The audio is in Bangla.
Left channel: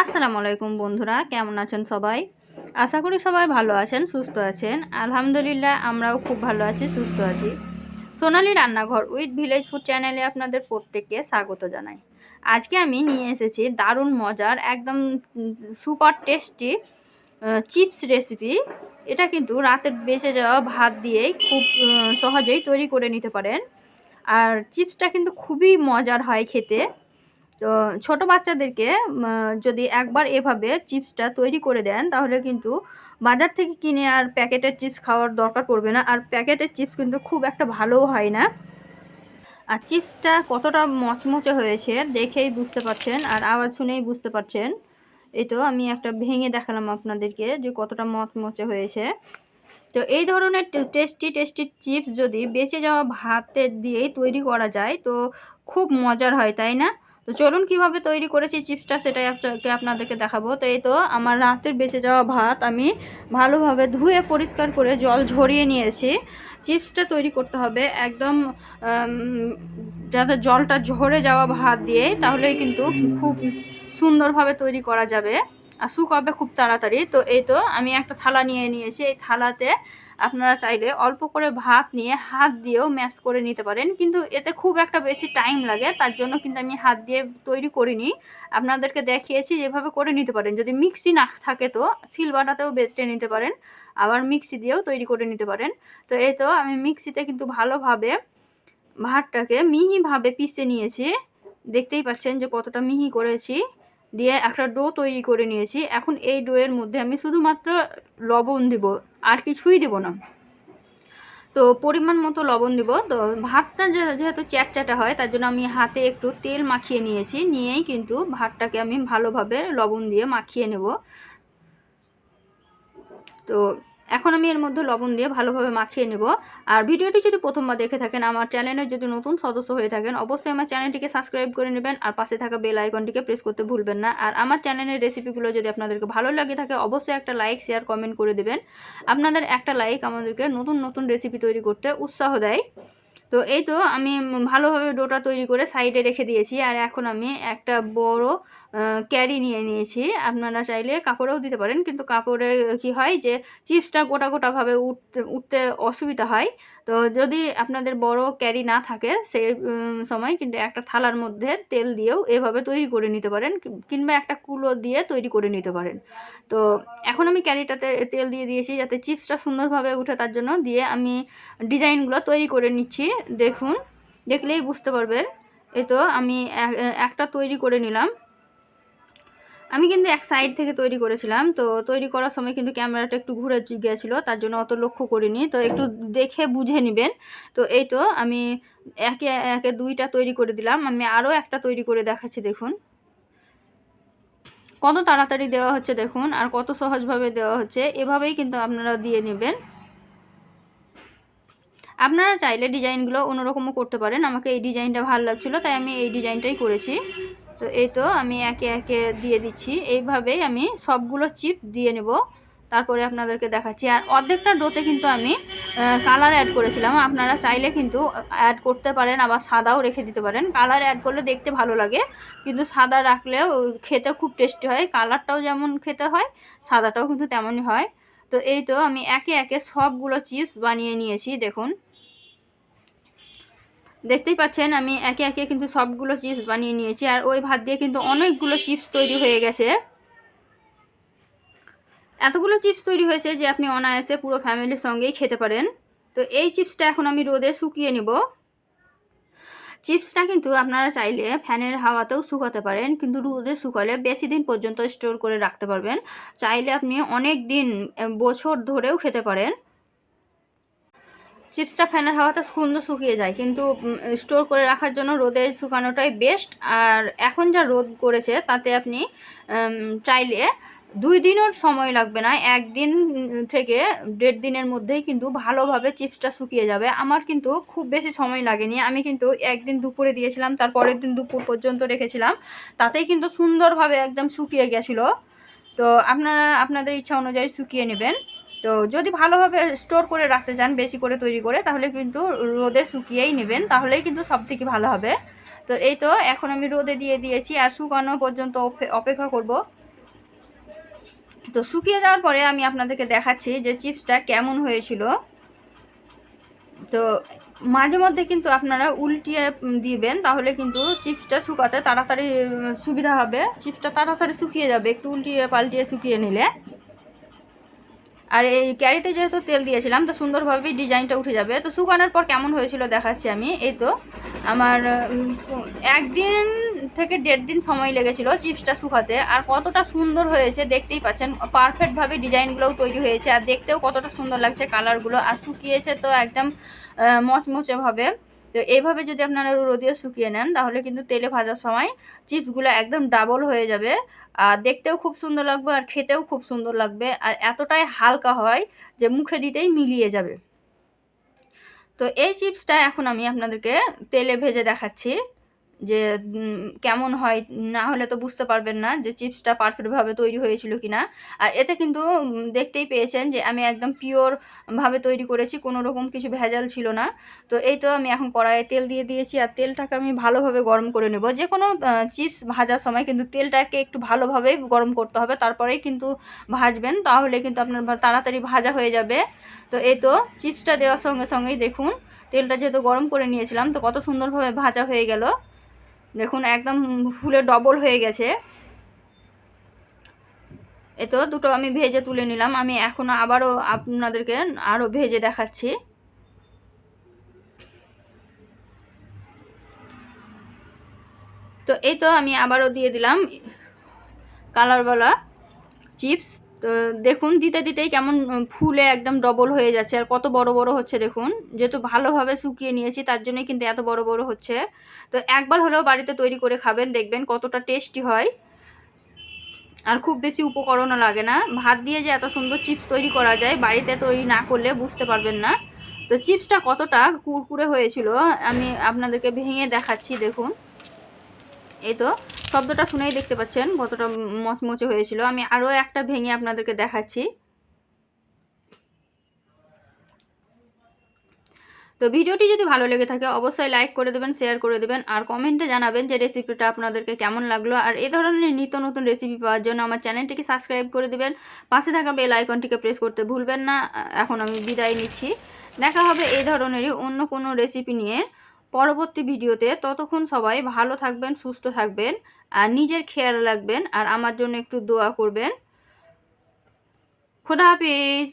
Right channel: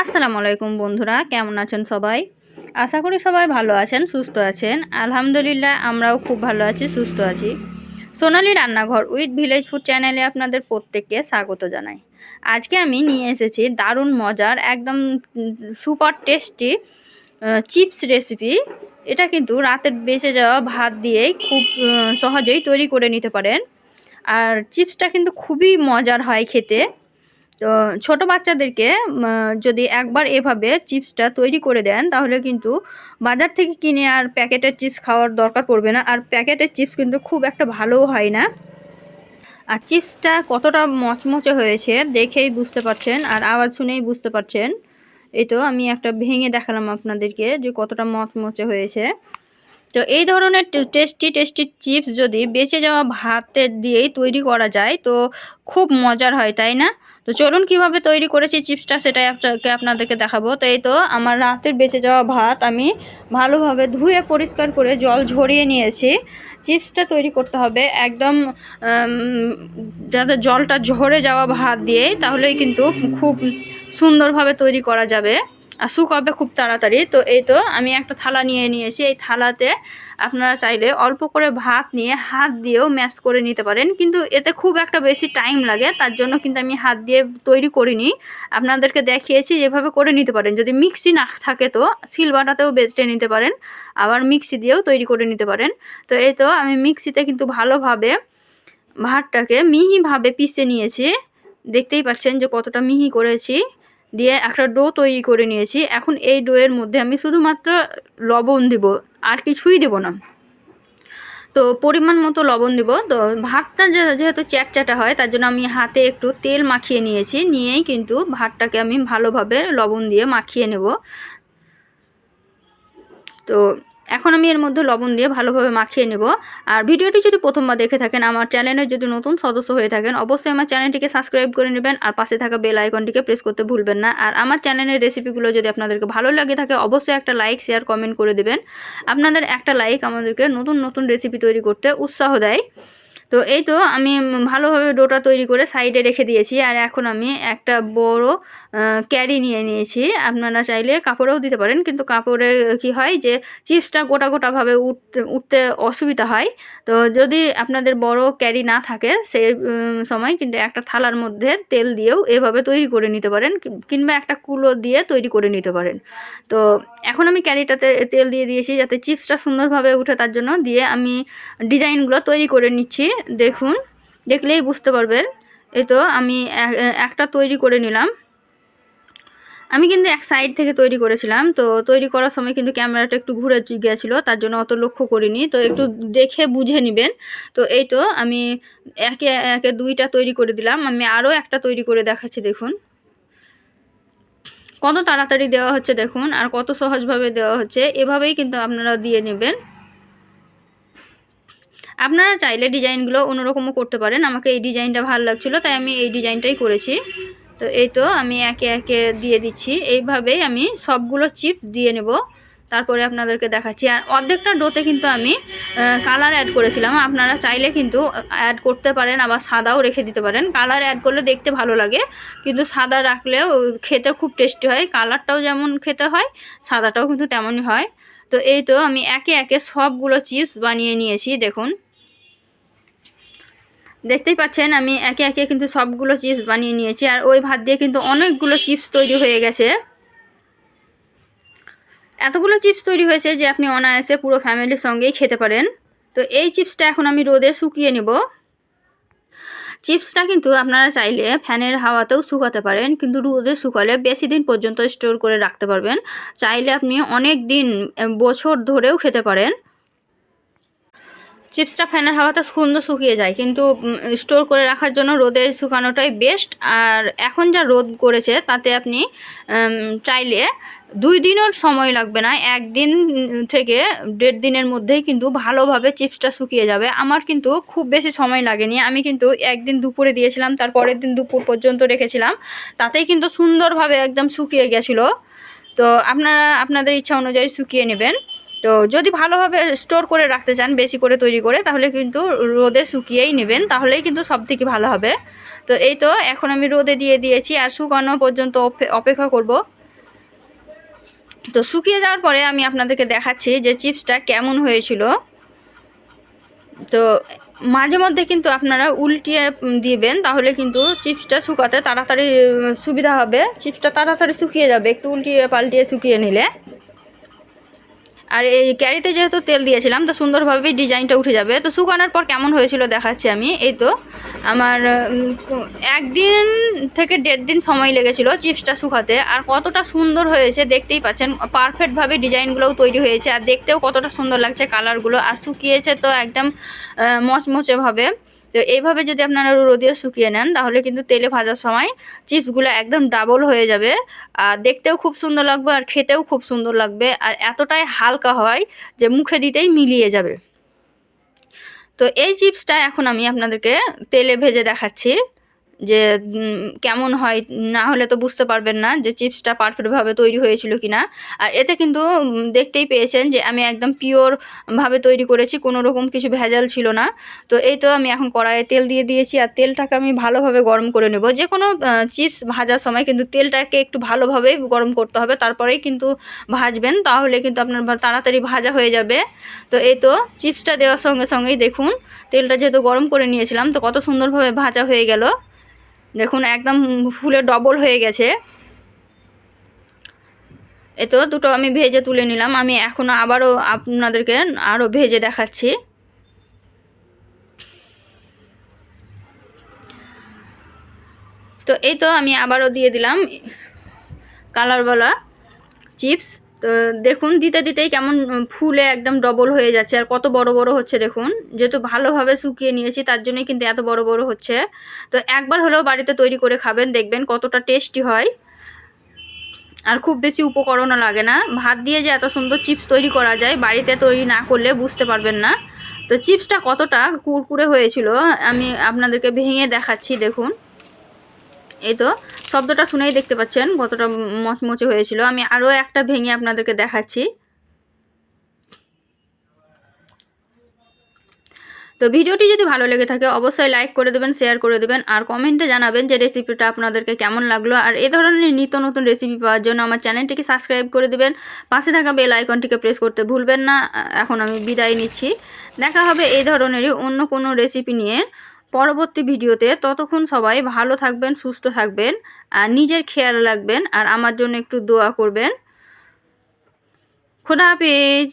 আসসালামু আলাইকুম বন্ধুরা, কেমন আছেন সবাই? আশা করি সবাই ভালো আছেন, সুস্থ আছেন। আলহামদুলিল্লাহ, আমরাও খুব ভালো আছি, সুস্থ আছি। সোনালি রান্নাঘর উইথ ভিলেজ ফুড চ্যানেলে আপনাদের প্রত্যেককে স্বাগত জানাই। আজকে আমি নিয়ে এসেছি দারুণ মজার, একদম সুপার টেস্টি চিপস রেসিপি। এটা কিন্তু রাতের বেঁচে যাওয়া ভাত দিয়েই খুব সহজেই তৈরি করে নিতে পারেন। আর চিপসটা কিন্তু খুবই মজার হয় খেতে। তো ছোট বাচ্চাদেরকে যদি একবার এভাবে চিপসটা তৈরি করে দেন, তাহলে কিন্তু বাজার থেকে কিনে আর প্যাকেটের চিপস খাওয়ার দরকার পড়বে না। আর প্যাকেটের চিপস কিন্তু খুব একটা ভালোও হয় না। আর চিপসটা কতটা মচমচে হয়েছে দেখেই বুঝতে পারছেন, আর আওয়াজ শুনেই বুঝতে পারছেন। এই তো আমি একটা ভেঙে দেখালাম আপনাদেরকে যে কতটা মচমচে হয়েছে। তো এই ধরনের টেস্টি টেস্টি চিপস যদি বেঁচে যাওয়া ভাতের দিয়েই তৈরি করা যায়, তো খুব মজার হয়, তাই না? তো চলুন কীভাবে তৈরি করেছি চিপসটা সেটাই আপনাকে, আপনাদেরকে দেখাবো। তো এই তো আমার রাতের বেঁচে যাওয়া ভাত। আমি ভালোভাবে ধুয়ে পরিষ্কার করে জল ঝরিয়ে নিয়েছি। চিপসটা তৈরি করতে হবে একদম যাতে জলটা ঝরে যাওয়া ভাত দিয়ে তাহলেই কিন্তু খুব সুন্দরভাবে তৈরি করা যাবে। আর শুকাবে খুব তাড়াতাড়ি। তো এই তো আমি একটা থালা নিয়ে নিয়েছি। এই থালাতে আপনারা চাইলে অল্প করে ভাত নিয়ে হাত দিয়েও ম্যাশ করে নিতে পারেন। কিন্তু এতে খুব একটা বেশি টাইম লাগে, তার জন্য কিন্তু আমি হাত দিয়ে তৈরি করিনি। আপনাদেরকে দেখিয়েছি যেভাবে করে নিতে পারেন। যদি মিক্সি না থাকে তো সিলবাটাতেও বেটে নিতে পারেন। আবার মিক্সি দিয়েও তৈরি করে নিতে পারেন। তো এই তো আমি মিক্সিতে কিন্তু ভালোভাবে ভাতটাকে মিহিভাবে পিষে নিয়েছি। দেখতেই পাচ্ছেন যে কতটা মিহি করেছি। দিয়ে একটা ডো তৈরি করে নিয়েছি। এখন এই ডোয়ের মধ্যে আমি শুধুমাত্র লবণ দিব, আর কিছুই দেব না। তো পরিমাণ মতো লবণ দিব। তো ভাতটা যেহেতু চ্যাটচ্যাটা হয়, তার জন্য আমি হাতে একটু তেল মাখিয়ে নিয়েছি। নিয়েই কিন্তু ভাতটাকে আমি ভালোভাবে লবণ দিয়ে মাখিয়ে নেব। তো এখন আমি এর মধ্যে লবণ দিয়ে ভালোভাবে মাখিয়ে নেব। আর ভিডিওটি যদি প্রথমবার দেখে থাকেন, আমার চ্যানেলের যদি নতুন সদস্য হয়ে থাকেন, অবশ্যই আমার চ্যানেলটিকে সাবস্ক্রাইব করে নেবেন আর পাশে থাকা বেল আইকনটিকে প্রেস করতে ভুলবেন না। আর আমার চ্যানেলের রেসিপিগুলো যদি আপনাদেরকে ভালো লাগে থাকে, অবশ্যই একটা লাইক, শেয়ার, কমেন্ট করে দেবেন। আপনাদের একটা লাইক আমাদেরকে নতুন নতুন রেসিপি তৈরি করতে উৎসাহ দেয়। তো এই তো আমি ভালোভাবে ডোটা তৈরি করে সাইডে রেখে দিয়েছি। আর এখন আমি একটা বড় ক্যারি নিয়ে নিয়েছি। আপনারা চাইলে কাপড়েও দিতে পারেন কিন্তু কাপড়ে কি হয় যে চিপসটা গোটা গোটাভাবে উঠতে উঠতে অসুবিধা হয়। তো যদি আপনাদের বড় ক্যারি না থাকে উম, সময় কিন্তু একটা থালার মধ্যে তেল দিয়েও এভাবে তৈরি করে নিতে পারেন কিংবা একটা কুলো দিয়ে তৈরি করে নিতে পারেন। তো এখন আমি ক্যারিটাতে তেল দিয়ে দিয়েছি যাতে চিপসটা সুন্দরভাবে উঠে তার জন্য। দিয়ে আমি ডিজাইনগুলো তৈরি করে নিচ্ছি। দেখুন, দেখলেই বুঝতে পারবেন। এই তো আমি একটা তৈরি করে নিলাম। আমি কিন্তু এক সাইড থেকে তৈরি করেছিলাম, তো তৈরি করার সময় কিন্তু ক্যামেরাটা একটু ঘুরে গিয়েছিল, তার জন্য অত লক্ষ্য করিনি। তো একটু দেখে বুঝে নেবেন। তো এই তো আমি একে একে দুইটা তৈরি করে দিলাম। আমি আরও একটা তৈরি করে দেখাচ্ছি, দেখুন। কত তাড়াতাড়ি দেওয়া হচ্ছে, দেখুন, আর কত সহজভাবে দেওয়া হচ্ছে, এভাবেই কিন্তু আপনারা দিয়ে নেবেন। আপনারা চাইলে ডিজাইনগুলো অন্যরকমও করতে পারেন। আমাকে এই ডিজাইনটা ভালো লাগছিল, তাই আমি এই ডিজাইনটাই করেছি। তো এই তো আমি একে একে দিয়ে দিচ্ছি। এইভাবেই আমি সবগুলো চিপ দিয়ে নেব। তারপরে আপনাদেরকে দেখাচ্ছি। আর অর্ধেকটা ডোতে কিন্তু আমি কালার অ্যাড করেছিলাম। আপনারা চাইলে কিন্তু অ্যাড করতে পারেন, আবার সাদাও রেখে দিতে পারেন। কালার অ্যাড করলে দেখতে ভালো লাগে, কিন্তু সাদা রাখলেও খেতে খুব টেস্টি হয়। কালারটাও যেমন খেতে হয়, সাদাটাও কিন্তু তেমনই হয়। তো এই তো আমি একে একে সবগুলো চিপস বানিয়ে নিয়েছি, দেখুন। দেখতেই পাচ্ছেন, আমি একে একে কিন্তু সবগুলো চিপস বানিয়ে নিয়েছি। আর ওই ভাত দিয়ে কিন্তু অনেকগুলো চিপস তৈরি হয়ে গেছে। এতগুলো চিপস তৈরি হয়েছে যে আপনি অনায়াসে পুরো ফ্যামিলির সঙ্গেই খেতে পারেন। তো এই চিপসটা এখন আমি রোদে শুকিয়ে নেব। চিপসটা কিন্তু আপনারা চাইলে ফ্যানের হাওয়াতেও শুকাতে পারেন, কিন্তু রোদে শুকালে বেশি দিন পর্যন্ত স্টোর করে রাখতে পারবেন। চাইলে আপনি অনেক দিন বছর ধরেও খেতে পারেন। চিপসটা ফ্যানের হাওয়াতে সুন্দর শুকিয়ে যায়, কিন্তু স্টোর করে রাখার জন্য রোদে শুকানোটাই বেস্ট আর এখন যা রোদ করেছে, তাতে আপনি চাইলে দুই দিনের সময় লাগবে না, একদিন থেকে দেড় দিনের মধ্যেই কিন্তু ভালোভাবে চিপসটা শুকিয়ে যাবে। আমার কিন্তু খুব বেশি সময় লাগেনি, আমি কিন্তু একদিন দুপুরে দিয়েছিলাম, তার পরের দিন দুপুর পর্যন্ত রেখেছিলাম, তাতেই কিন্তু সুন্দরভাবে একদম শুকিয়ে গেছিল। তো আপনারা, আপনাদের ইচ্ছা অনুযায়ী শুকিয়ে নেবেন। তো যদি ভালোভাবে স্টোর করে রাখতে চান, বেশি করে তৈরি করে, তাহলে কিন্তু রোদে শুকিয়েই নেবেন। তাহলেই কিন্তু সব থেকে ভালো হবে। তো এই তো, এখন আমি রোদে দিয়ে দিয়েছি আর শুকানো পর্যন্ত অপে- অপেক্ষা করব। তো শুকিয়ে যাওয়ার পরে আমি আপনাদেরকে দেখাচ্ছি যে চিপসটা কেমন হয়েছিল। তো মাঝে মধ্যে কিন্তু আপনারা উল্টিয়ে দিবেন, তাহলে কিন্তু চিপসটা শুকাতে তাড়াতাড়ি সুবিধা হবে। চিপসটা তাড়াতাড়ি শুকিয়ে যাবে, একটু উল্টিয়ে পাল্টিয়ে শুকিয়ে নিলে। আর এই ক্যারিতে যেহেতু তেল দিয়েছিলাম, তো সুন্দরভাবে ডিজাইনটা উঠে যাবে। তো শুকানোর পর কেমন হয়েছিল দেখাচ্ছি আমি, এই তো। আমার একদিন থেকে দেড় দিন সময় লেগেছিল চিপসটা শুকাতে, আর কতটা সুন্দর হয়েছে দেখতেই পাচ্ছেন। পারফেক্টভাবে ডিজাইনগুলোও তৈরি হয়েছে, আর দেখতেও কতটা সুন্দর লাগছে কালারগুলো, আর শুকিয়েছে তো একদম মচমচেভাবে। তো এইভাবে যদি আপনারা রোদে শুকিয়ে নেন, তাহলে কিন্তু তেলে ভাজার সময় চিপসগুলো একদম ডাবল হয়ে যাবে। আর দেখতেও খুব সুন্দর লাগবে আর খেতেও খুব সুন্দর লাগবে। আর এতটাই হালকা হয় যে মুখে দিতেই মিলিয়ে যাবে। তো এই চিপসটা এখন আমি আপনাদেরকে তেলে ভেজে দেখাচ্ছি। যে কেমন হয় না হলে তো বুঝতে পারবেন না যে চিপসটা পারফেক্টভাবে তৈরি হয়েছিল কি না আর এতে কিন্তু দেখতেই পেয়েছেন যে আমি একদম পিওরভাবে তৈরি করেছি, কোনো রকম কিছু ভেজাল ছিল না। তো এই তো আমি এখন কড়াইয়ে তেল দিয়ে দিয়েছি আর তেলটাকে আমি ভালোভাবে গরম করে নেব। যে কোনো চিপস ভাজার সময় কিন্তু তেলটাকে একটু ভালোভাবে গরম করতে হবে, তারপরেই কিন্তু ভাজবেন, তাহলে কিন্তু আপনার তাড়াতাড়ি ভাজা হয়ে যাবে। তো এই তো চিপসটা দেওয়ার সঙ্গে সঙ্গেই দেখুন, তেলটা যেহেতু গরম করে নিয়েছিলাম, তো কত সুন্দরভাবে ভাজা হয়ে গেল। দেখুন, একদম ফুলে ডবল হয়ে গেছে। এ তো দুটো আমি ভেজে তুলে নিলাম। আমি এখন আবারও আপনাদেরকে আরও ভেজে দেখাচ্ছি। তো এই তো আমি আবারও দিয়ে দিলাম কালারওয়ালা চিপস। তো দেখুন, দিতে দিতেই কেমন ফুলে একদম ডবল হয়ে যাচ্ছে। আর কত বড় বড় হচ্ছে দেখুন, যেহেতু ভালোভাবে শুকিয়ে নিয়েছি, তার জন্যই কিন্তু এত বড় বড় হচ্ছে। তো একবার হলেও বাড়িতে তৈরি করে খাবেন, দেখবেন কতটা টেস্টি হয়। আর খুব বেশি উপকরণও লাগে না। ভাত দিয়ে যে এত সুন্দর চিপস তৈরি করা যায়, বাড়িতে তৈরি না করলে বুঝতে পারবেন না। তো চিপসটা কতটা কুরকুরে হয়েছিল, আমি আপনাদেরকে ভেঙে দেখাচ্ছি, দেখুন। এই তো, শব্দটা শুনেই দেখতে পাচ্ছেন কতটা মচমচে হয়েছিল। আমি আরও একটা ভেঙে আপনাদেরকে দেখাচ্ছি। তো ভিডিওটি যদি ভালো লেগে থাকে, অবশ্যই লাইক করে দেবেন, শেয়ার করে দেবেন, আর কমেন্টে জানাবেন যে রেসিপিটা আপনাদেরকে কেমন লাগল। আর এই ধরনের নিত্য নতুন রেসিপি পাওয়ার জন্য আমার চ্যানেলটিকে সাবস্ক্রাইব করে দেবেন। পাশে থাকা বেল আইকনটিকে প্রেস করতে ভুলবেন না। এখন আমি বিদায় নিচ্ছি। দেখা হবে এই ধরনেরই অন্য কোনো রেসিপি নিয়ে। পরবর্তী ভিডিওতে ততক্ষণ সবাই ভালো থাকবেন, সুস্থ থাকবেন, আর নিজের খেয়াল রাখবেন, আর আমার জন্য একটু দোয়া করবেন। খোদা হাফিজ।